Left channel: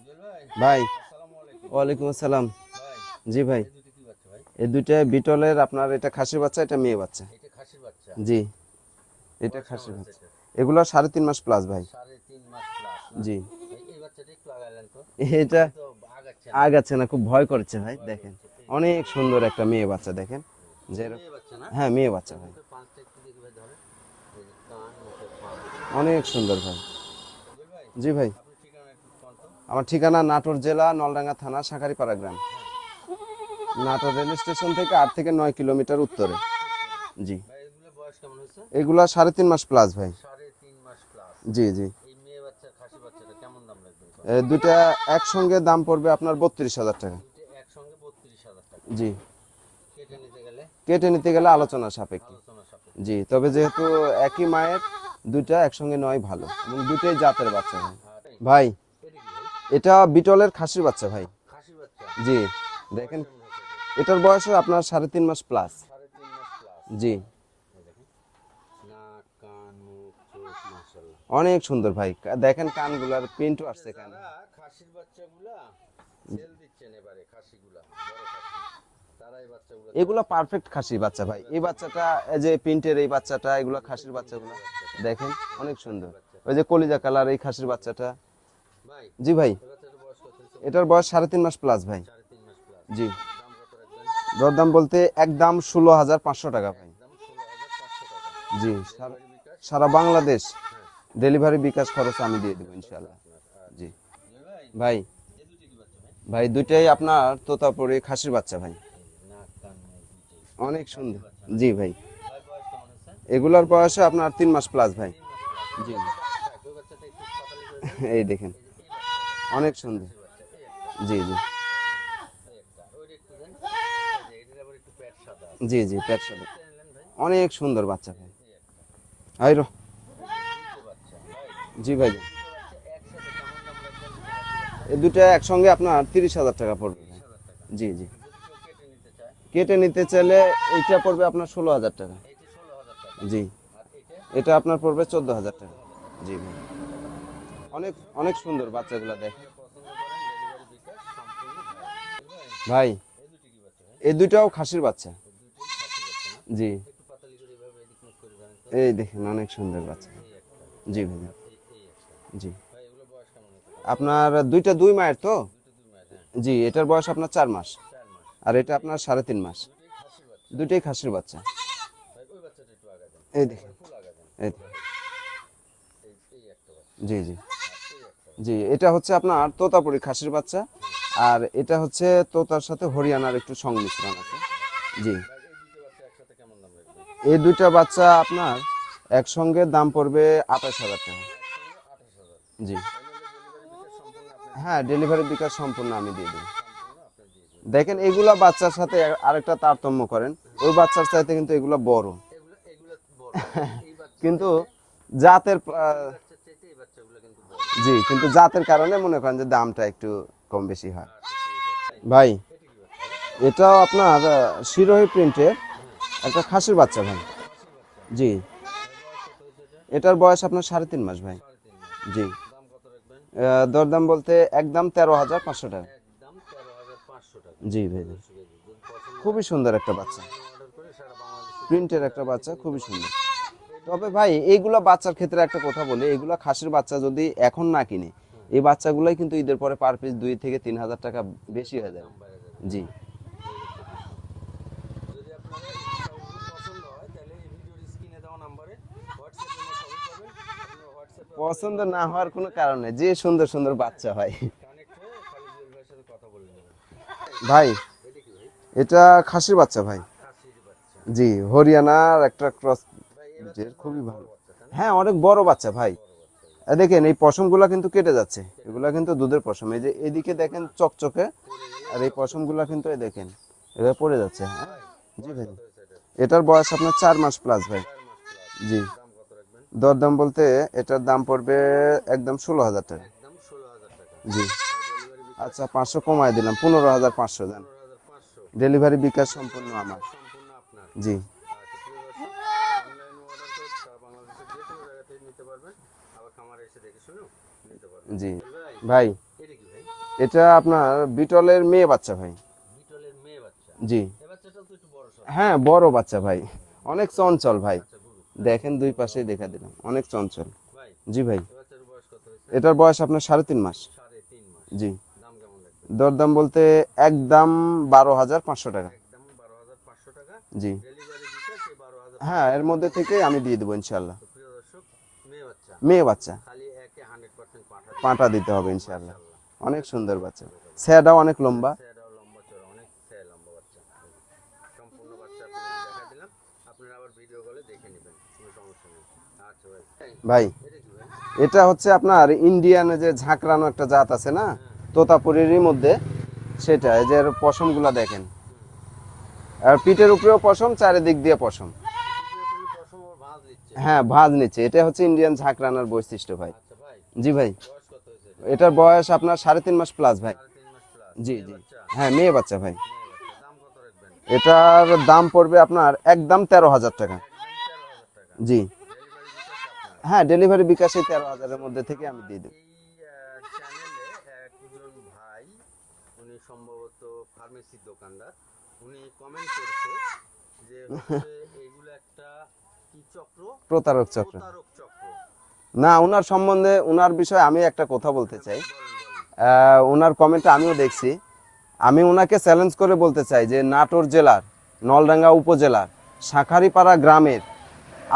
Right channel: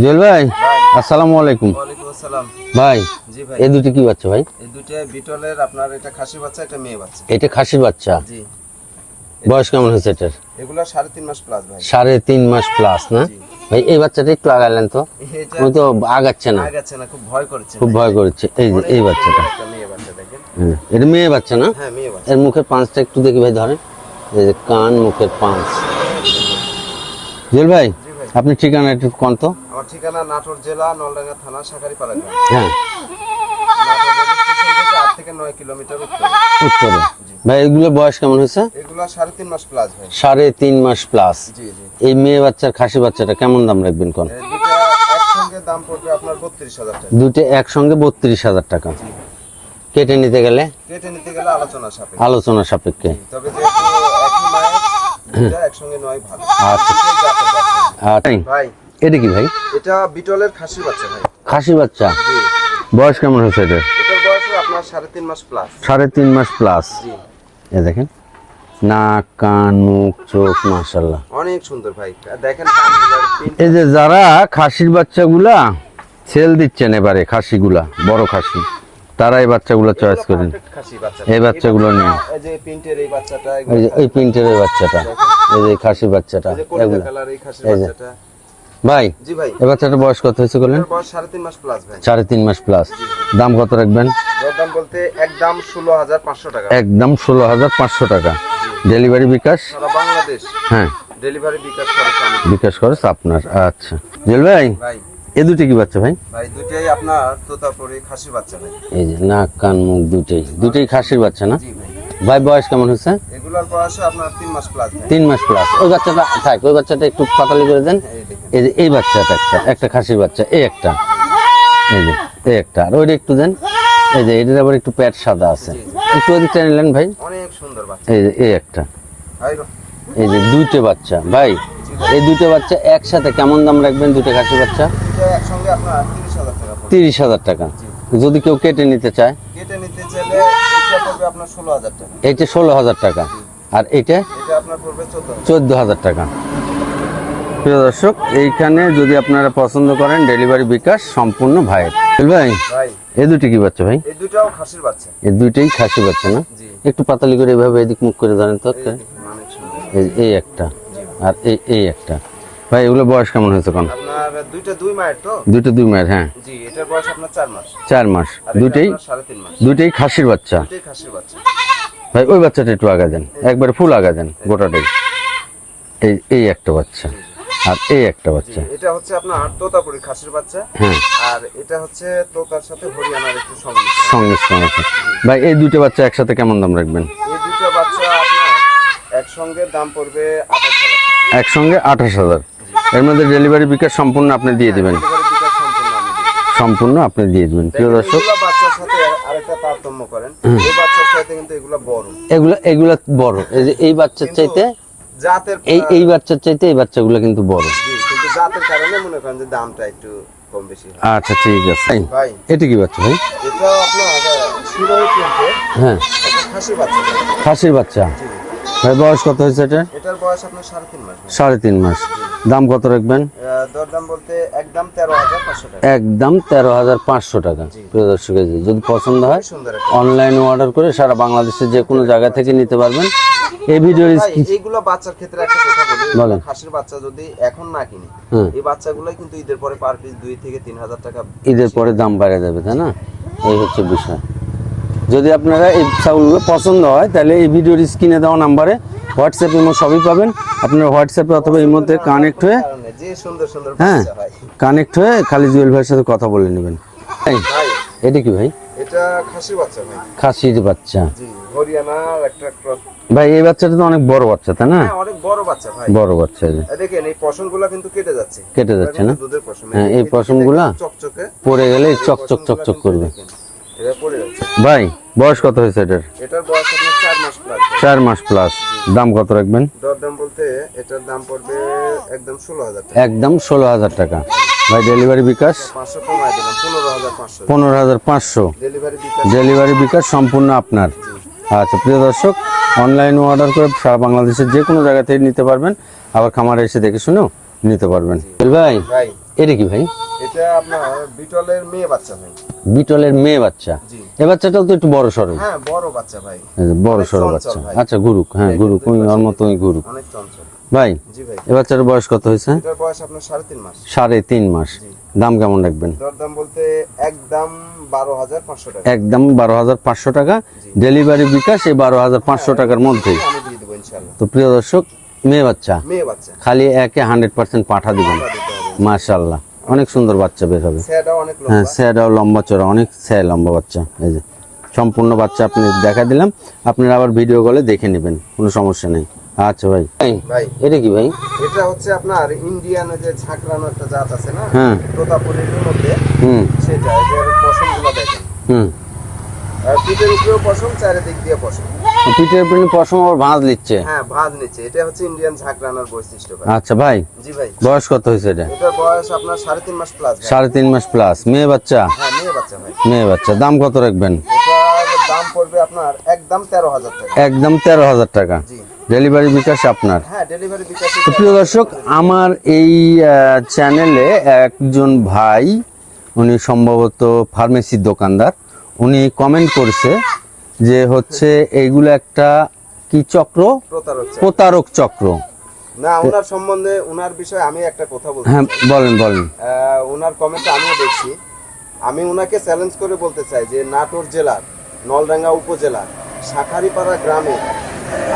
জুয়েল ভাই আসসালামু আলাইকুম। ওয়ালাইকুম আসসালাম। ভাই জি ভাই। এই দুটি কি বাচ্চা ভাই? এই দুইটা বিটলের আপনার এটা খাসির বাচ্চা এটা মেয়ে বাচ্চা। এটা খাসির বাচ্চা? জি। বয়স কেমন হয়েছে এটার? এগুলো সাড়ে তিন মাস প্লাস ভাই। সাড়ে তিন মাস প্লাস না? ভাই এই বাচ্চাটা একটু আগালেন তো। তো আগাচ্ছে না। আগাচ্ছে না খুব ভয় করছে খুব ভয় করছে। এই যে এই বাচ্চাটা। একটা মেয়ে বাচ্চা দেখেন। হুম, এটা মেয়ে বাচ্চা না? হ্যাঁ মেয়ে বাচ্চা। এর মুখের পাঁচটা একটু দেখি ভাই ধরেন। এই যে কান মুখের পাঁচ। জুয়েল ভাই জি ভাই। আপনি ঠিকানা একটু কোন তো? আমার ঠিকানা নাটোর জেলা নলডাঙ্গা থানা শাখারিপাড়া গ্রাম হ্যাঁ। নাটোর রেল স্টেশন থেকে আট থেকে নয় কিলোমিটার উত্তরে। উত্তরে। জি। ভাই এগুলো বয়স কেমন হয়েছে? এগুলা সাড়ে তিন মাস প্লাস ভাই। সাড়ে তিন মাস প্লাস জি জি। এই মেয়ে বাচ্চার খাসি বাচ্চাটা কেমন দাম রাখবেন কোন? দুটা একসঙ্গে দাম পড়বে আপনার বত্রিশ হাজার টাকা। দুটো একসঙ্গে বত্রিশ হাজার টাকা। জি। কেটে নিতে গেলে? কেটে নিতে গেলে আলোচনা সাপেক্ষে। আলোচনা সাপেক্ষে। তবে যেহেতু একই মায়ের দুটা একসঙ্গে নয় ভালো। দুটোই জাতের বাচ্চা। তাই? ভাই এটা কি ভাই? এটা বিটলের খাসি বাচ্চা ভাই। খাসি বাচ্চা? জি। বয়স কেমন হয়েছে এটা? এটার বয়স আপনার সাড়ে তিন মাস প্লাস সাড়ে তিন মাস প্লাস জি। এ দেখেন। নাক কান মুখ চোখ মাশাল্লাহ অনেক সুন্দর ভাই। দেখেন এই যে যারা খাসির বাচ্চাগুলা সেল দিচ্ছেন এবারে খাসিগুলা বড় খাসি। তারা এই বাচ্চাগুলো চয়েস করেন এই বাচ্চাগুলো নিন এই প্রিন্টের এই বাচ্চাটা। এই যে খাসি বাচ্চাটা। ভাই জি ভাই। এই বাচ্চাটার বয়স কত হয়েছে বয়স সাড়ে তিন মাস প্লাস ভাই। সাড়ে তিন মাস প্লাস দাম কত রাখবেন? দরদাম বলতে একদম ষোলো হাজার পাঁচশো টাকা। একদম ষোলো হাজার পাঁচশো টাকা। ডেলিভারি বিকাশ? সারা বাংলাদেশ। হ্যাঁ। ডেলিভারি বিকাশ খরচ বিকাশ খরচ আপনার। আচ্ছা। জেল ভাই? ভাই। এ দুটি কি বাচ্চা ভাই? ভাই দুইটাই আপনার তোতাপুরি খাসির বাচ্চা ভাই। এই যে নাক কান মুখ দুটোই দুটোই খাসির বাচ্চা না? জি ভাই। ভাই বয়স কেমন হচ্ছে? এগুলোর বয়স আপনার তিন মাস প্লাস ভাই। তিন মাস প্লাস ওই বাচ্চাটা থাক ওই বাচ্চাটা একটু পাতালি করে দেন। এই দেখেন। এই যে এই বাচ্চাটা একটা একটা খাসির বাচ্চা এই একটা। এই যে এই একটা। আর ওইটা একটু দেন। এই যে এটার আবার একটু পেট সাদা আছে। একটু ওদিকটা নিলেন ভাই। অনেক সুন্দর বাচ্চা। এই যে এই একটা। ভাই রো এই যে দুইটা বাচ্চা ভাই এই দুটো বাচ্চা একসাথে কেমন দাম রাখবেন দুটো খাসি বাচ্চা? দুইটা একসঙ্গে আপনার তিরিশ হাজার টাকা পড়বে। তিরিশ হাজার টাকা। যদি কেউ কেটে নিতে চায়? কেটে নিতে চাইলে এটা পড়বে আপনার ষোলো হাজার টাকা। এইটা ষোলো হাজার টাকা। আর এইটা? এটা আপনার পড়বে চোদ্দ হাজার টাকা। প্রিয় দর্শক এইখানে যদি আপনারা পছন্দ করেন ডেলিভারি বিকাশ সম্পূর্ণ ভাইয়ের। ভাই ভাই। এই দুটি কি বাচ্চা ভাই? এই দুটাও খাসির বাচ্চা। এই দুইটাই খাসি বাচ্চা না? জি। একটু পাতালি করে এভাবে এদিক মুখ করে ধরেন তো এই এই একটা। জি আর এই এই একটা। ভাই এগুলো বয়স কেমন হয়েছে কোন আপনার দুইটা দুই মায়ের তো? দুটো দুই মায়ের হ্যাঁ। জি এটার বয়স আপনার চার মাস। চার মাস। আর দুটেই আপনার সাড়ে তিন মাস। দুটেই খাসির বাচ্চা। দুইটাই খাসির বাচ্চা। ভাই ওই বাচ্চাটা একটু আগা দেন। একবারে ফুল আগা দেন গোটাটাই। এই এই একটা বাচ্চা। জি জি। আর এই একটা বাচ্চা। এটা হচ্ছে আপনার তোতাপুরি খাসির বাচ্চা। হ্যাঁ। আর এটা হচ্ছে তোতার সাথে হরিয়ানার একটু সংমিশ্রণ। সংমিশ্রণ আছে। ভাই এই দুটো বাচ্চা একসাথে কেমন দাম রাখবেন? এই দুটো বাচ্চা আপনার একসঙ্গে দাম পড়বে আঠাশ হাজার একসঙ্গে আঠাশ হাজার। এর মধ্যে ডেলিভারি বিকাশ সম্পূর্ণ আপনি দিয়ে দিবেন। ডেলিভারি বিকাশ সম্পূর্ণ আমি সম্পূর্ণ আপনি দিয়ে দিবেন। প্রিয় দর্শক বাচ্চার সাথে আরেকটা তারতম্য করেন। এই বাচ্চার চাইতে কিন্তু এগুলা বড়। এগুলো এগুলো বড়। এই যে এই বাচ্চার চাইতে জাতের এই এই বাচ্চার চাইতে এই বাচ্চাগুলো কিন্তু বড়। জি কিন্তু জাতের কারণে মনে করেন যে দামটা একটু কম বেশি হয়। আচ্ছা ঠিক আছে। ভাই। এটা কি বাচ্চা ভাই? এটা আপনার শিরোহী প্রিন্টে হ্যাঁ এটা খাসির বাচ্চা খাসির বাচ্চা? জি। ভাই বয়স কত হয়েছে এটা? এটার বয়স আপনার সাড়ে তিন মাস ভাই। সাড়ে তিন মাস। জি। দাম কত রাখবেন? আহ, দরদাম বলতে একদম তেরো হাজার পাঁচশো টাকা। একদম তেরো হাজার পাঁচশো টাকা জি। প্রিয় দর্শক যদি পছন্দ হয় সুন্দর একটা অনলাইনে অর্ডার করে সারা বাংলাদেশের যে কোনো জায়গা থেকে নিতে পারবেন। এই ভিডিওর এইগুলো বাচ্চার ক্ষেত্রে একটা কথা বলি। খাসির বাচ্চা যদি এখন না কিনি হুম। এই বাচ্চাগুলোই কিন্তু ঈদের পরে পার পিস দুই থেকে তিন হাজার টাকা ঈদের পরে দাম বাড়ে যাবে তাই না? এই হচ্ছে বিষয়। যদি আপনারা এই চাউলগুলো পছন্দ হয় তাহলে এই ভিডিওর স্ক্রিনে দেওয়া নাম্বারে হোয়াটসঅ্যাপ ইমো সবই পাবেন। আপনারা হোয়াটসঅ্যাপে অথবা ইমোতে কানেক্ট হয়ে যে সুন্দর সুন্দর হ্যাঁ কানেক্ট হয়ে। খালি জুয়েল ভাইয়ের সাথে কথা বলে নেবেন। ভাই। এটা কি ভাই? এটা খাসির বাচ্চা ভাই। খাসির বাচ্চা। জি হরিয়ানার একটা ক্রস ভাই এই বাচ্চাটা তো অনেক বড় বাচ্চা তাই না? হ্যাঁ অনেক বড় বাচ্চা ভাই। বড় বাচ্চা দেখেন এই পশমগুলা কিন্তু কেটে যাচ্ছে। কেটে যাচ্ছে না? দুধের পশম। হ্যাঁ, এই পশমগুলা চকচকে। পড়ে গেলে চকচক চকচক করবে। এরা পড়ে যাচ্ছে। ভাই বয়স কত হয়েছে এটার? এটার বয়স আপনার চার মাস প্লাস চার মাস প্লাস দাম কত রাখবেন? দরদাম বলতে এটার দাম পড়বে একদম ষোলো হাজার টাকা। একদম ষোলো হাজার টাকা। ভাই ডেলিভারি বিকাশ? পাঁচশো কমাই দিলাম পনেরো হাজার পাঁচশো। পনেরো হাজার পাঁচশো। ডেলিভারি বিকাশ। ডেলিভারি বিকাশ সম্পূর্ণ আপনার। আচ্ছা প্রিয় দর্শক অনলাইনে অর্ডার করে সারা বাংলাদেশের যে কোনো জায়গা থেকে নিতে পারবেন। আবার খামারে এসে দেখে শুনেও নিতে পারবেন। ভাই ভাই। এটা কি ভাই? এটা আপনার বিটলের মেয়ে বাচ্চা ভাই। বিটলের মেয়ে বাচ্চা? জি। এ বাচ্চাটাও তো একটু বড় সড়ো হ্যাঁ বড় বাচ্চা ভাই। বড় চঞ্চল বাচ্চা। আচ্ছা গুরুক হ্যাঁ গুরুক ওই ওর মতোই গুরুক। অনেক চঞ্চল। ভাই জি ভাই। এ বাচ্চার বয়স কত হয়েছে? এটার বয়স আপনার সাড়ে তিন মাস। সাড়ে তিন মাস। জি। দাম কেমন রাখবেন? দরদাম বলতে একদম বারো হাজার পাঁচশো টাকা। একদম বারো হাজার পাঁচশো টাকা। ডেলিভারি বিকাশ এই বারো হাজার পাঁচশো হ্যাঁ, টাকার মধ্যে। আমি দিয়ে দেবো ইনশাল্লাহ তো প্রিয় দর্শক মেয়ে বাচ্চা? মেয়ে বাচ্চা। খালি একে হান্ড্রেড পার্সেন্ট পাঠা দিবেন পাঠা দিতে হবে মাশাল্লাহ অনেক সুন্দর বাচ্চা বের হবে। স্যাডাও অনেক হ্যাঁ লম্বা লম্বা চড়া অনেক স্যার লম্বা বাচ্চা। এই যে সম্পূর্ণ বাচ্চা আপনি দেখা দিলাম। আপনারা আবার ভিডিও কলে দেখে নেবেন কোনো সমস্যা নেই। আচ্ছা ভাই। ভাই এটা কি ভাই? এটা হচ্ছে আপনার ইন্ডিয়ান যে ঝাঁকড়ানো একটা জাত আছে না? হ্যাঁ। তোতাপুরির মধ্যে। হুম। সেটা এদের পশমগুলা দেখেন। হুম। আর পিঠের উপরেও পশম চারিদিক দিয়ে পশম। পিঠের পিঠে পশম আবার ভাঁজ নিচ্ছে? হ্যাঁ ভাঁজ নিচ্ছে। এটা হচ্ছে ইন্ডিয়ান ঝাঁকড়ানোর বৈশিষ্ট্য ভাই। আচ্ছা ভাই জি ভাই। বয়স কত হয়েছে এটা? এটার বয়স আপনার সাড়ে তিন মাস প্লাস সাড়ে তিন মাস প্লাস মেয়ে বাচ্চা? হ্যাঁ মেয়ে বাচ্চা ভাই। মেয়ে বাচ্চা। দাম কত রাখবেন? এটার দাম পড়বে আপনার একদম তেরো হাজার টাকা। একদম তেরো হাজার টাকা। জি। ডেলিভারি বিকাশ আপনার? হ্যাঁ ডেলিভারি বিকাশে প্রিয় দর্শক আমার এই চ্যানেলে একজন ভাই উনি সম্ভবত ফার্মেসির দোকানদার উনি কমেন্ট করছে যে হচ্ছে এইগুলো একটা কি চক্র? প্রতারক প্রতারক চক্র। না ওনার সম্বন্ধে ওনার বিষয়ে আমি একটা কথা বলতে হ্যাঁ বলেন বলেন। ওনার কমেন্ট আমিও দেখছি। আমি ওনাকে চ্যালেঞ্জ করে বলতে চাই যে নাটোর জেলার নলডাঙ্গা উপজেলার শাখারিপাড়া গ্রামে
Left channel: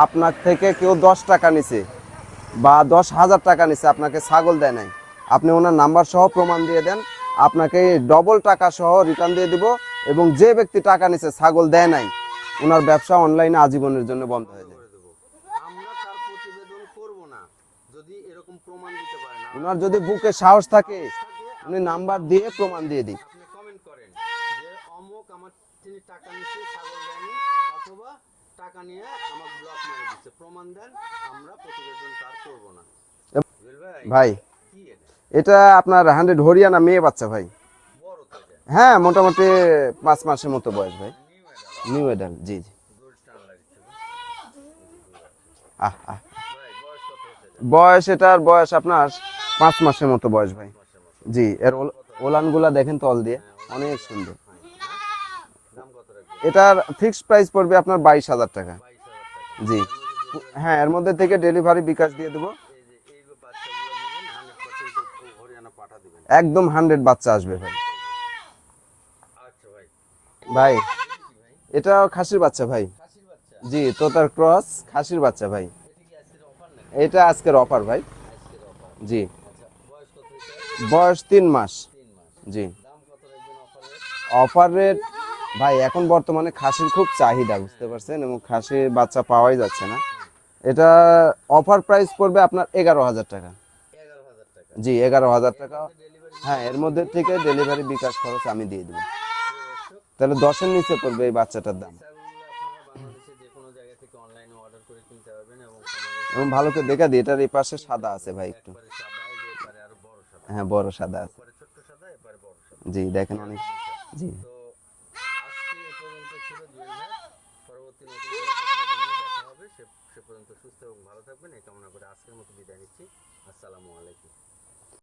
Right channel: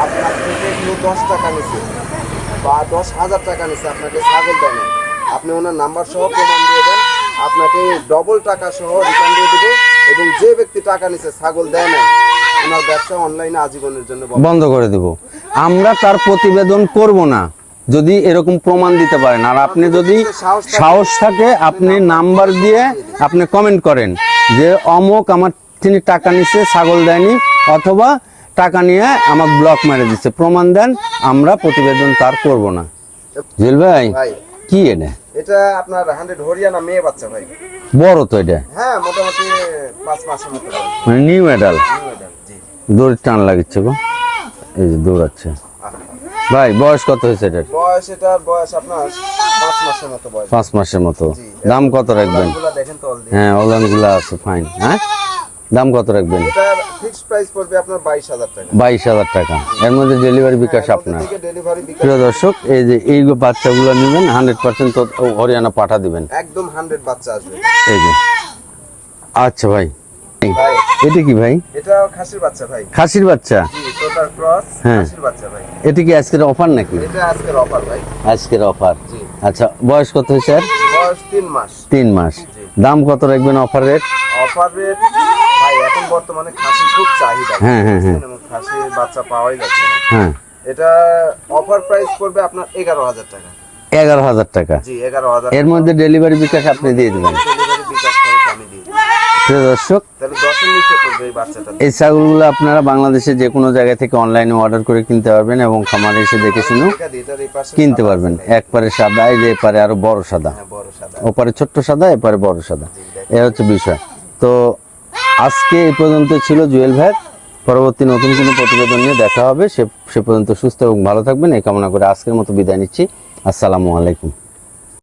আপনার থেকে কেউ দশ টাকা নিছে বা দশ হাজার টাকা নিছে আপনাকে ছাগল দেয় নাই। আপনি ওনার নাম্বার সহ প্রমাণ দিয়ে দেন আপনাকে ডবল টাকা সহ রিটার্ন দিয়ে দেবো এবং যে ব্যক্তি টাকা নিছে ছাগল দেয় নাই ওনার ব্যবসা অনলাইনে আজীবনের জন্য বন্ধ। করে দেব। আমরা তার প্রতিবেদন করব না যদি এরকম প্রমাণ দিতে পারেন। আর আপনি যদি সাহস থাকে- আপনি নাম্বার দিয়ে আপনি কমেন্ট করেন যে অমুক আমার তিনি টাকা নিচ্ছে ছাগল দেয়নি অথবা টাকা নিয়ে আমার ব্লক মেরে দিচ্ছে প্রমাণ দেন আমরা প্রতিবেদন তার করব না। জুয়েল ভাই ভাই। কি এটা এটা আপনার হান্ড্রেড হরিয়ানা মেয়ে বাচ্চা ভাই। বড় তো এটা? হ্যাঁ মোটামুটি পাঁচ মাসের মতো বয়স। মানে নিউ মেডাল নিউ মেডাল জি দৌড় টান লাগছে গো। এই যে দৌড়াচ্ছে। ভাই বয়স কত হয়েছে এটা বয়স এটার বয়স আপনার পাঁচ মাসের মতো বয়স। পাঁচ মাসের মতো। জি দাম কত রাখবেন? দেখেন তো হ্যাঁ ওলানগুলো আছে ফাইন হ্যাঁ? দাম কত রাখবেন? এটার ফিক্সড প্রাইস পড়বে আপনার বাইশ হাজার টাকা। বাইশ হাজার টাকা। এর মধ্যে ডেলিভারি হ্যাঁ, বিকাশ এর মধ্যে আপনার। থেকে ডেলিভারি বিকাশ প্রিয় দর্শক এই যে এই বাচ্চাগুলো নেবেন হান্ড্রেড পার্সেন্ট হরিয়ানা পাঠা দিবেন। একদম হান্ড্রেড বাচ্চা আসবে। এই যে। আচ্ছা ভাই। ভাই। এটা কি ভাই? এটা খাসির বাচ্চা ভাই। খাসির বাচ্চা? জি তোতার ক্রস হ্যাঁ। খাসির বাচ্চা ভাই। এটা কি আজকের অফার নাকি? এটা আজকের অফার ভাই। আজকের অফার জি। আচ্ছা বয়স কত স্যার বয়স তিন মাস। তিন মাস। জি। দাম কত রাখবেন অফার রেট অফার রেট ভাই এখন বর্তমানে খাসির খুব চাহিদা হ্যাঁ, হ্যাঁ, বুঝছেন? এবং খাসির বাচ্চা পাওয়াই যাচ্ছে না। হ্যাঁ। এটা অফার প্রাইস পড়বে আপনার এগারো হাজার টাকা। এগারো হাজার টাকা? জি এগারো হাজার এর মধ্যে ডেলিভারি বিকাশ আপনি দিয়ে দেবেন। ডেলিভারি বিকাশ করে আমি দিয়ে প্রিয় দর্শক তাহলে দশের নিচে পড়বে এই বাচ্চাটা। এই ছাগলগুলো আপনারা বাংলাদেশে যে কোনো জায়গা থেকে অনলাইনে অর্ডার করে কিনতে পারবেন এবং খামারে এসে দেখে শুনে কিনতে পারবেন। ভাই। একবারে সাদা এই যে এপারে আরও বড় সাদা। হ্যাঁ বড় সাদা। ওপারে ছোট্ট সাদা এপারে বড় সাদা। জি এ হচ্ছে বিষয়। তো আজকে এ পর্যন্ত ছিল জুয়েল ভাই। পরবর্তী নতুন কোনো প্রতিবেদন নিয়ে দেখা হবে। সে সে পর্যন্ত সুস্থ এবং ভালো থাকবেন। এই কামনা করে আজকের মতো বিদায় নিচ্ছি। আসসালামু আলাইকুম।